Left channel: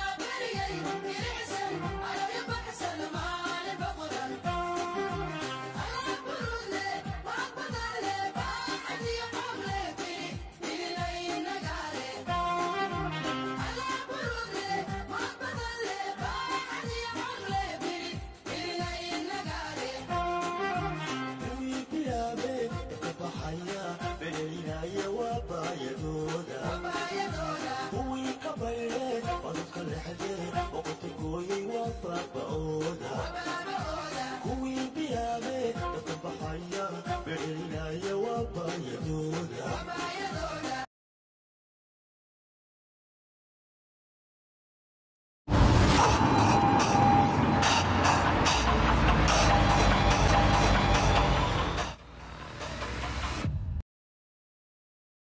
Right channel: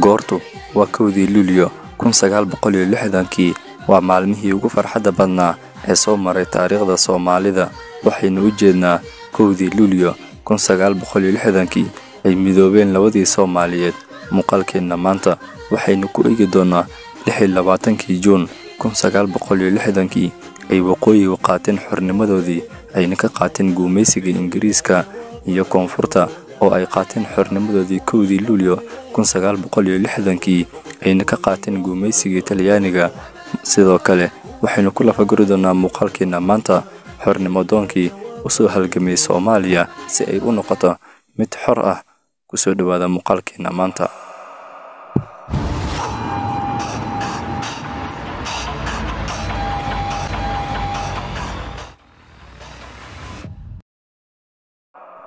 goortu waa 1 Luulyo 1960kii waa maalmihii ugu farxadda badnaa ee soo maray taariikhda Soomaalida waxaynu u jeednaa 1 Luulyo 1960kii ay midoobeen labadii Soomaaliyeed muuqaalkeena maanta waxaynu ku eegi doonaa 26 Juun 1960kii ay waqooyiga qaateen xornimadoodii ayna ka qaateen gumaysiga Ingiriiska iyo koonfurta oo ay qaateen xornimadoodii 1 Luulyo 1960kii ayna ka qaateen gumaysiga Talyaaniga sidoo kale waxaynu ku lafaguri doonaa muuqaalkeena maanta xornimadoonkii u soo halgamay Soomaaliya si ay u noqoto mid xor ah ku soo dhawaada muuqaalkeena maanta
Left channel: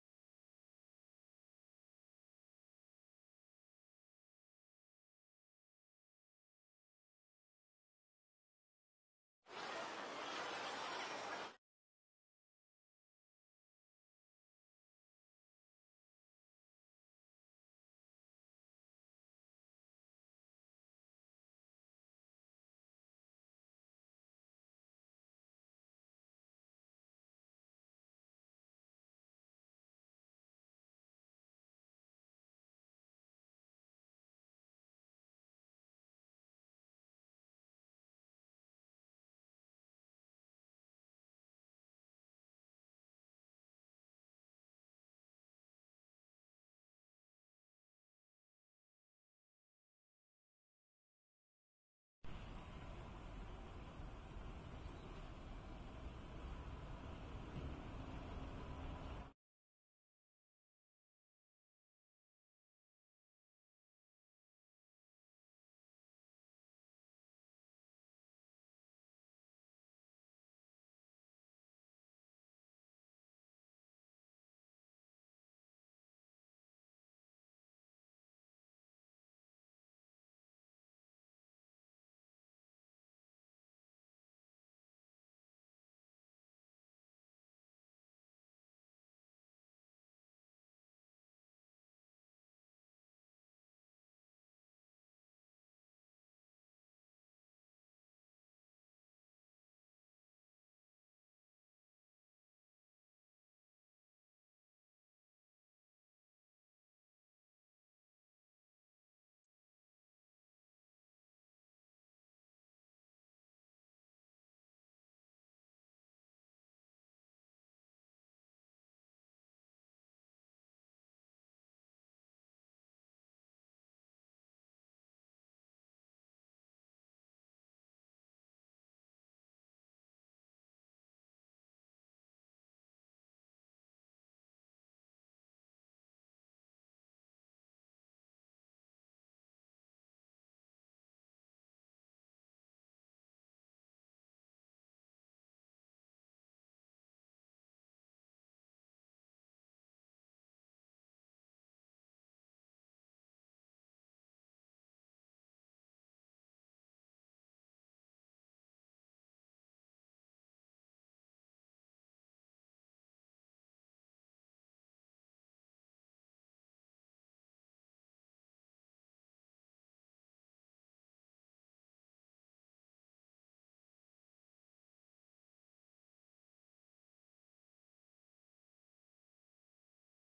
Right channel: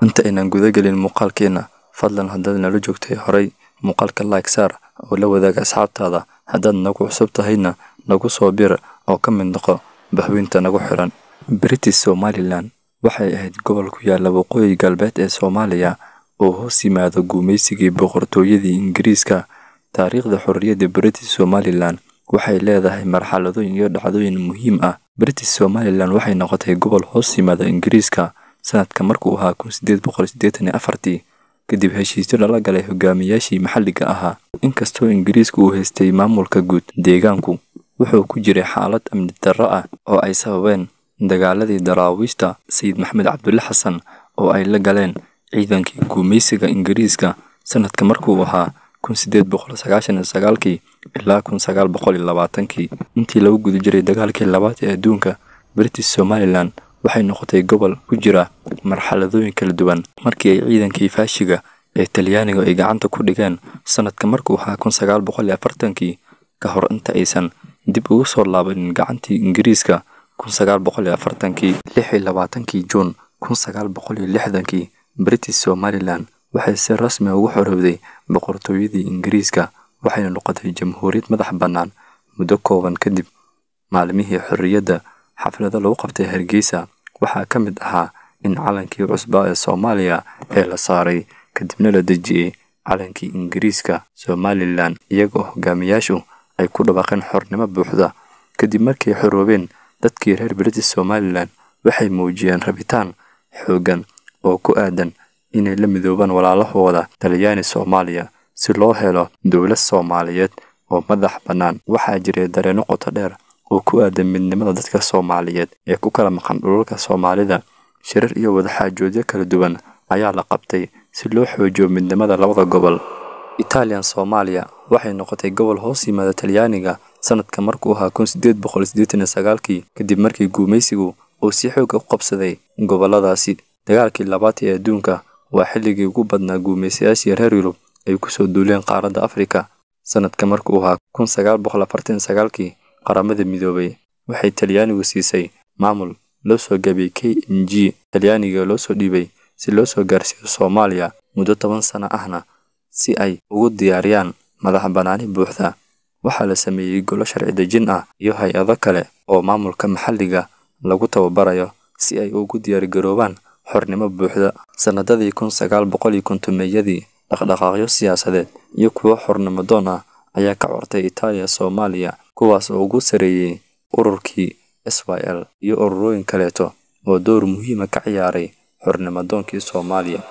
inta inaan guda galin muuqaalkeena fadlan haddaad nala joogtay horay muuqaalka like saar oo la wadaaga asxaabtaada haddaad nagu cusub tahayna nagu soo bir oo ka mid noqo bahweynta nagu xiran British Somaliland waxay ahayd gobol ku yaala waqooyi galbeed ee Soomaaliya oo hoos yimaada gumaysigii boqortooyadii Ingiriiska taariikhda xorriyadda British Somaliland waxay leedahay marxaladooyin iyo dhacdooyin muhiim ah British Somaliland waxay noqotay gobol hoos yimaada Ingiriiska sanadka markuu ahaa 1884 kadib heshiisyo lala galay hogaamiyaashii maxalliga ahaa inkastoo Ingiriisku uu haystay maamulka guud deegaanku wuxuu ku jiray xaalad amni darro ah oo ay sababeen dagaaladii daraawiishta Sayid Maxamed Cabdulle Xasan oo ay la galeen ciidankii gumaysiga Ingiriiska sanadka markuu ahaa 1899 ilaa 1920 intii lagu guda jiray dagaalkii labaad ee adduunka British Somaliland waxay noqotay gobol ku jira marxaladooyin kala duwan markii ay ciidankii faashiga ee Talyaaniga ay gacanta ku dhigeen sanadka markuu ahaa 1940 ka hor inta aysan dib ugu soo laabanin gacantii Ingiriiska 1940 Juun 1960 British Somaliland waxay si rasmi ah ugu xorowday boqortooyadii Ingiriiska waxayna noqotay jamhuuriyad madax bannaan muddo kooban kadib maalmihii xorriyadda xafladda lagu qabtay Hargeysa waxaa ka mid ahaa in calankii cusbaa ee Soomaaliya ee la saaray kadibna la dejiyay calankii Ingiriiska Somaliland iyagoo hogaamiyaashu ay ku dhawaaqeen xornimo buuxda kadib markii ay xoroobeen dadkii reer British Somaliland waxay muujiyeen rabitaan xooggan oo ku aadan inay la midoobaan walaalahooda Talyaani Soomaaliya si loo helo dowlad Soomaaliyeed oo madax bannaan waxaa jiray dareenno qoto dheer oo ku aadan midnimada dadka Soomaaliyeed ee ku kala maqan dhulalka Soomaalida shirar iyo wadaxaajoodyo kala duwan ayaa la qabtay si loo xoojiyo midnimada labada gobol Italian Soomaaliya waxay noqotay gobol hoos yimaada Talyaaniga sanadka markuu ahaa 1889 kadib markii gumaysigu uu si xoog ah u qabsaday goboladaasi dagaalkii labaad ee adduunka waa xilligii ugu badnaa gumaysiyaashii reer Yurub ay ku soo duuleen qaaradda Afrika sanadka markuu ahaa 1949 qaramada midoobay waxay Talyaanigu siisay maamul loo soo gabay KMG Talyaaniga loo soo dhiibay si loo soo gaarsiiyo Soomaaliya muddo 10 sano ahna si ay ugu diyaariyaan madax bannaani buuxda waxaa la sameeyay golo sharci dejin ah iyo hay'ado kale oo maamulka maxalliga lagu tababarayo si ay ugu diyaar garoobaan xornimo buuxda sanadadii 1950yadii dhaqdhaqaaqyo siyaasadeed iyo kuwo xornimo doon ah ayaa ka cortay Italiya Soomaaliya kuwaas oo ugu sareeyay ururkii SYL iyo ururooyin kaleeto oo door muhiim ah ka ciyaaray xornimadoonkii Soomaaliya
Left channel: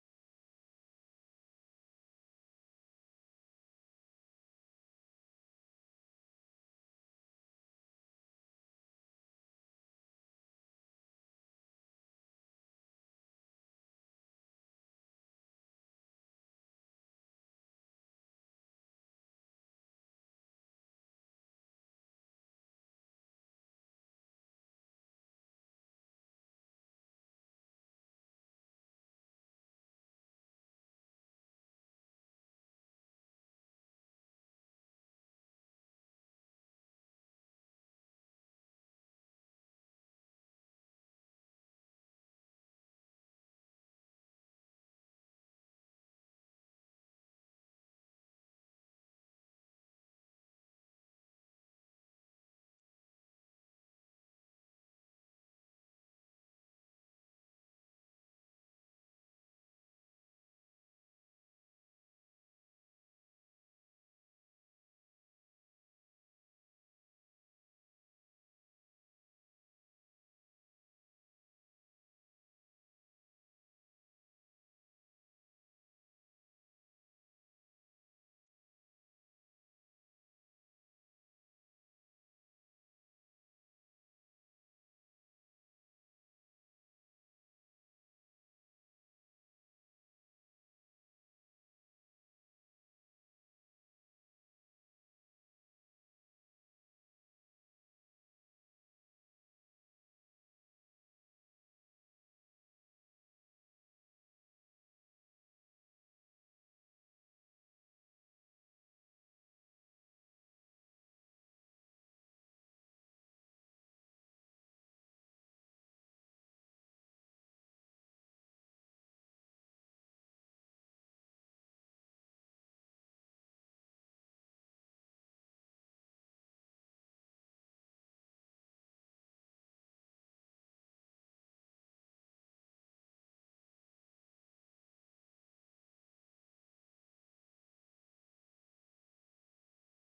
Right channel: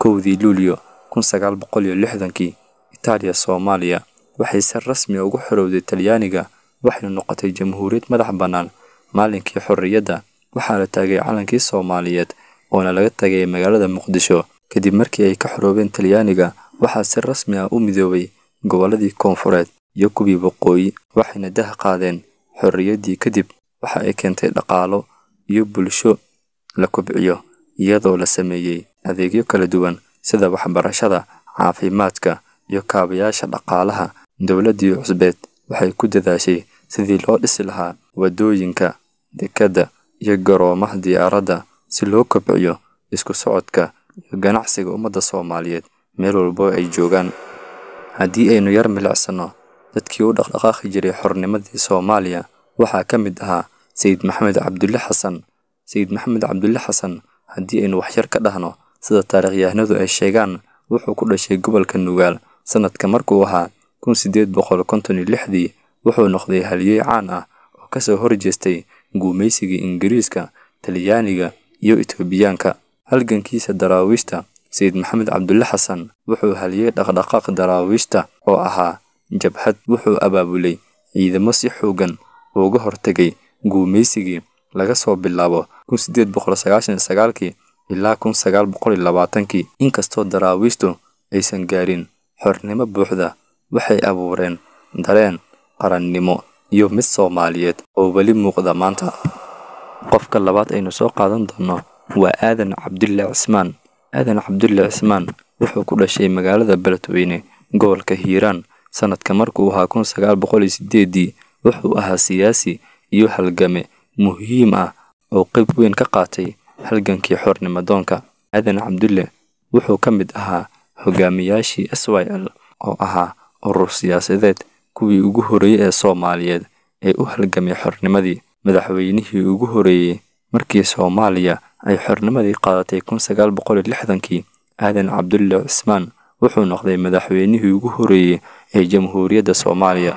1 Luulyo 1960kii Italiya Soomaaliya waxay si rasmi ah ugu xorowday Talyaaniga waxayna noqotay jamhuuriyad madax bannaan maalinkii xorriyadda waxaa la taagay calankii Soomaaliyeed oo laga tagay magaalada Muqdisho kadib markii ay ka xoroobeen Talyaaniga waxaa si rasmi ah u midoobay goboladii koonfureed iyo kuwii waqooyi waxayna dah qaadeen xorriyaddii kadib waxa ay keentay dhaqaalo iyo bulsho la kobciyo iyadoo la sameeyay adeegyo kala duwan sida waxbarashada caafimaadka iyo kaabayaasha dhaqaalaha dowladdii cusbeed waxay ku dadaashay sidii loo dhisi lahaa wadooyinka dekedda iyo garoomaha diyaaradda si loo kobciyo isku socodka iyo ganacsiga ummadda Soomaaliyeed meel walba ay joogaan haddii aynu yar milicsano dadkii u dhaqdhaqaaqi jiray xornimadii Soomaaliya waxaa ka mid ahaa Sayid Maxamed Cabdulle Xasan haddii aynu wax yar ka dhahno sida taariikhyahanadu ay sheegaan wuxuu ku dhashay gobolka Nugaal sanadka markuu ahaa 1856 wuxuu noqday halyeey caan ah oo kasoo horjeestay gumaysigii Ingiriiska, Talyaaniga iyo Itoobiyaanka. halgankiisa daraawiishta Sayid Maxamed Cabdulle Xasan wuxuu halyeey dhaqdhaqaaq daraawiishta oo ahaa jabhad. wuxuu abaabulay ciidamo si xoogan uga hortagay gumaysigii laga soo bilaabo 1899 ilaa 1920. inkastoo daraawiishtu aysan gaarin xornimo buuxda, waxay abuureen dareen qarannimo iyo mid Soomaaliyeed oo weli muuqda maanta. qofka labaad aynu soo qaadan doono waa Aadan Cabdulle Cismaan. Aadan Cabdulle Cismaan wuxuu ku dhashay magaalada Beledweyne, gobolka Hiiraan, sanadka markuu ahaa 1908. wuxuu ahaa siyaasi iyo halgame muhiim ah oo qayb weyn ka qaatay halgankii xornimo-doonka. Aadan Cabdulle wuxuu ka mid ahaa hogaamiyaashii SYL oo ahaa urur siyaasadeed kuwii ugu horeeyay ee Soomaaliyeed ee u halgamay xornimadii. madaxweynihii ugu horeeyay markii Soomaaliya ay xornimadii qaadatay 1960. Aadan Cabdulle Cismaan wuxuu noqday madaxweynihii ugu horeeyay ee Jamhuuriyadda Soomaaliya.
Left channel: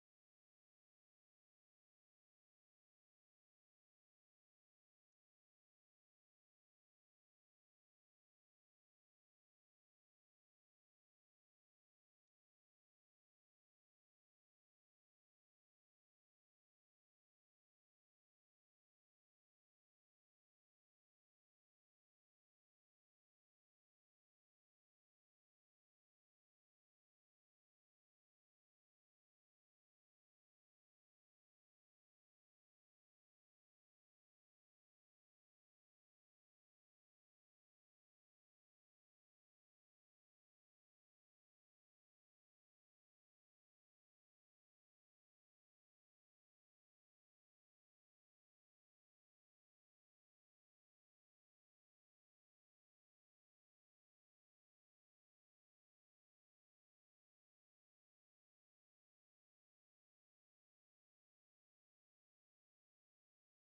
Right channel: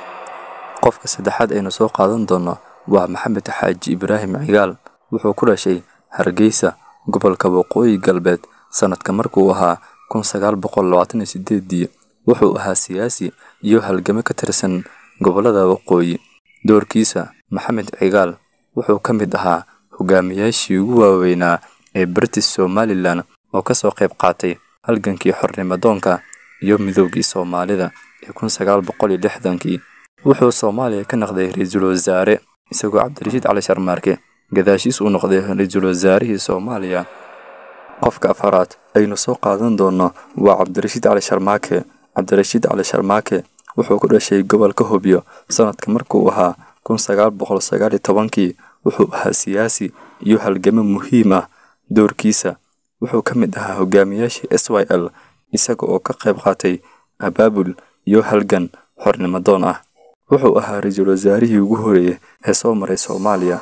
qofka saddexaad aynu soo qaadan doono waa Maxamed Xaaji Ibraahim Cigaal. wuxuu ku dhashay Hargeysa, gobolka Waqooyi Galbeed, sanadka markuu ahaa 1928. wuxuu ahaa siyaasi iyo halgame ka tirsan gobolada Waqooyi. doorkiisa Maxamed Cigaal wuxuu ka mid ahaa hogaamiyaashii ugu waaweynaa ee British Somaliland oo kasoo qayb qaatay halgankii xornimo-doonka iyo midoogii Soomaalida ee 1960. wuxuu Soomaaliya ka noqday ra'iisul wasaare isagoo Cabdirashiid Cali Sharmaarke gadaashiis uu noqday ra'iisul wasaarihii Soomaaliya. qofka afaraad aynu soo qaadan doono waa Cabdirashiid Cali Sharmaarke. Cabdirashiid Cali Sharmaarke wuxuu ku dhashay gobolka Hobyo, sanadka markuu ahaa 1919. wuxuu ahaa siyaasi iyo halgame muhiim ah. doorkiisa wuxuu ka mid ahaa hogaamiyaashii SYL isaga oo ka qayb qaatay abaabul iyo halgan xornimo-doon ah. wuxuu ahaa ra'iisul wasaarihii ugu horeeyay ee soo maray Soomaaliya.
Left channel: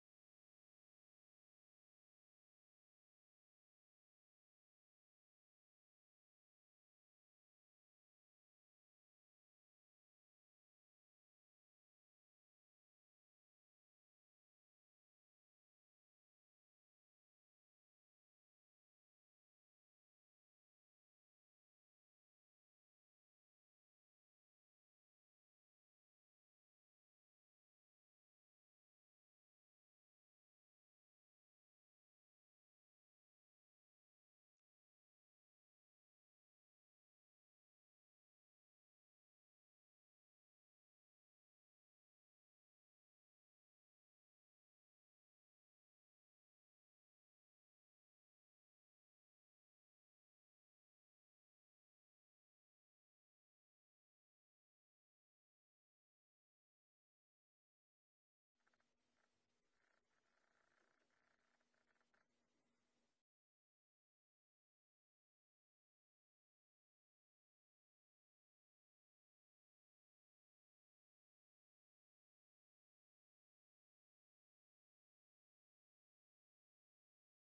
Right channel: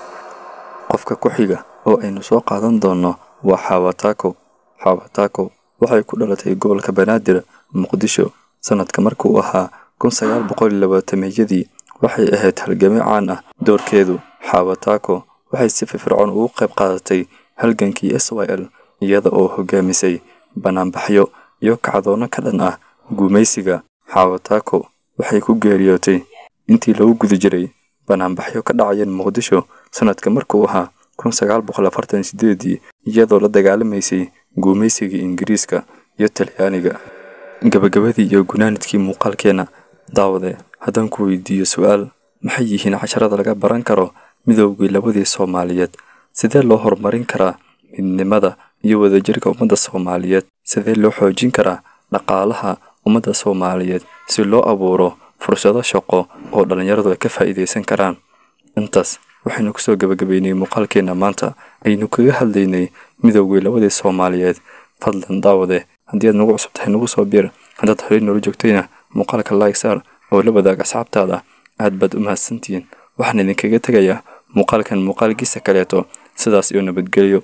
qofka ku xiga oo aynu soo qaadan doono waa Xaawo Taako. Xaawo Taako waxay ku dhalatay gobolka Banaadir, Muqdisho, sanadka markuu ahaa 1920. waxay ahayd halgame caan ah. doorkeedu Xaawo Taako waxay si firfircoon uga qayb qaadatay halgankii SYL iyada oo hogaamisay banaanbaxyo iyo kacdoono ka dhan ah gumaysiga. Xaawo Taako waxay ku geeriyootay intii lagu guda jiray banaanbaxyo ka dhacayeen Muqdisho, sanadka markuu ahaa 1948, iyadoo la dagaalamaysay gumaysigii Ingiriiska iyo Talyaaniga. gabagabadii iyo gunaanadkii muuqaalkeena daawade, haddaan ku weydiiyo su'aal: maxay yihiin casharada laga baran karo midoogii labadii Soomaaliyeed? sidee loo horumarin karaa midnimada iyo wadajirka ummadda Soomaaliyeed? sidee loo xoojin karaa dhaqaalaha ummadda Soomaaliyeed si loo abuuro fursado shaqo oo dhalinyaradu ay ka faa'iideysan karaan? intaas waxaynu kusoo gabagabeynay muuqaalkeena maanta aynu kaga hadlaynay midoogii labadii Soomaaliyeed. fadlan daawade, haddii aad nagu cusub tahay nagu soo biir. haddaad horey noola joogtayna muuqaalka like saar oo la wadaag asxaabtaada. aad baad u mahadsantihiin. waxaan idinkaga tegayaa muuqaalkan muuqaalkiisa kaleeto. sidaas iyo nabadgelyo.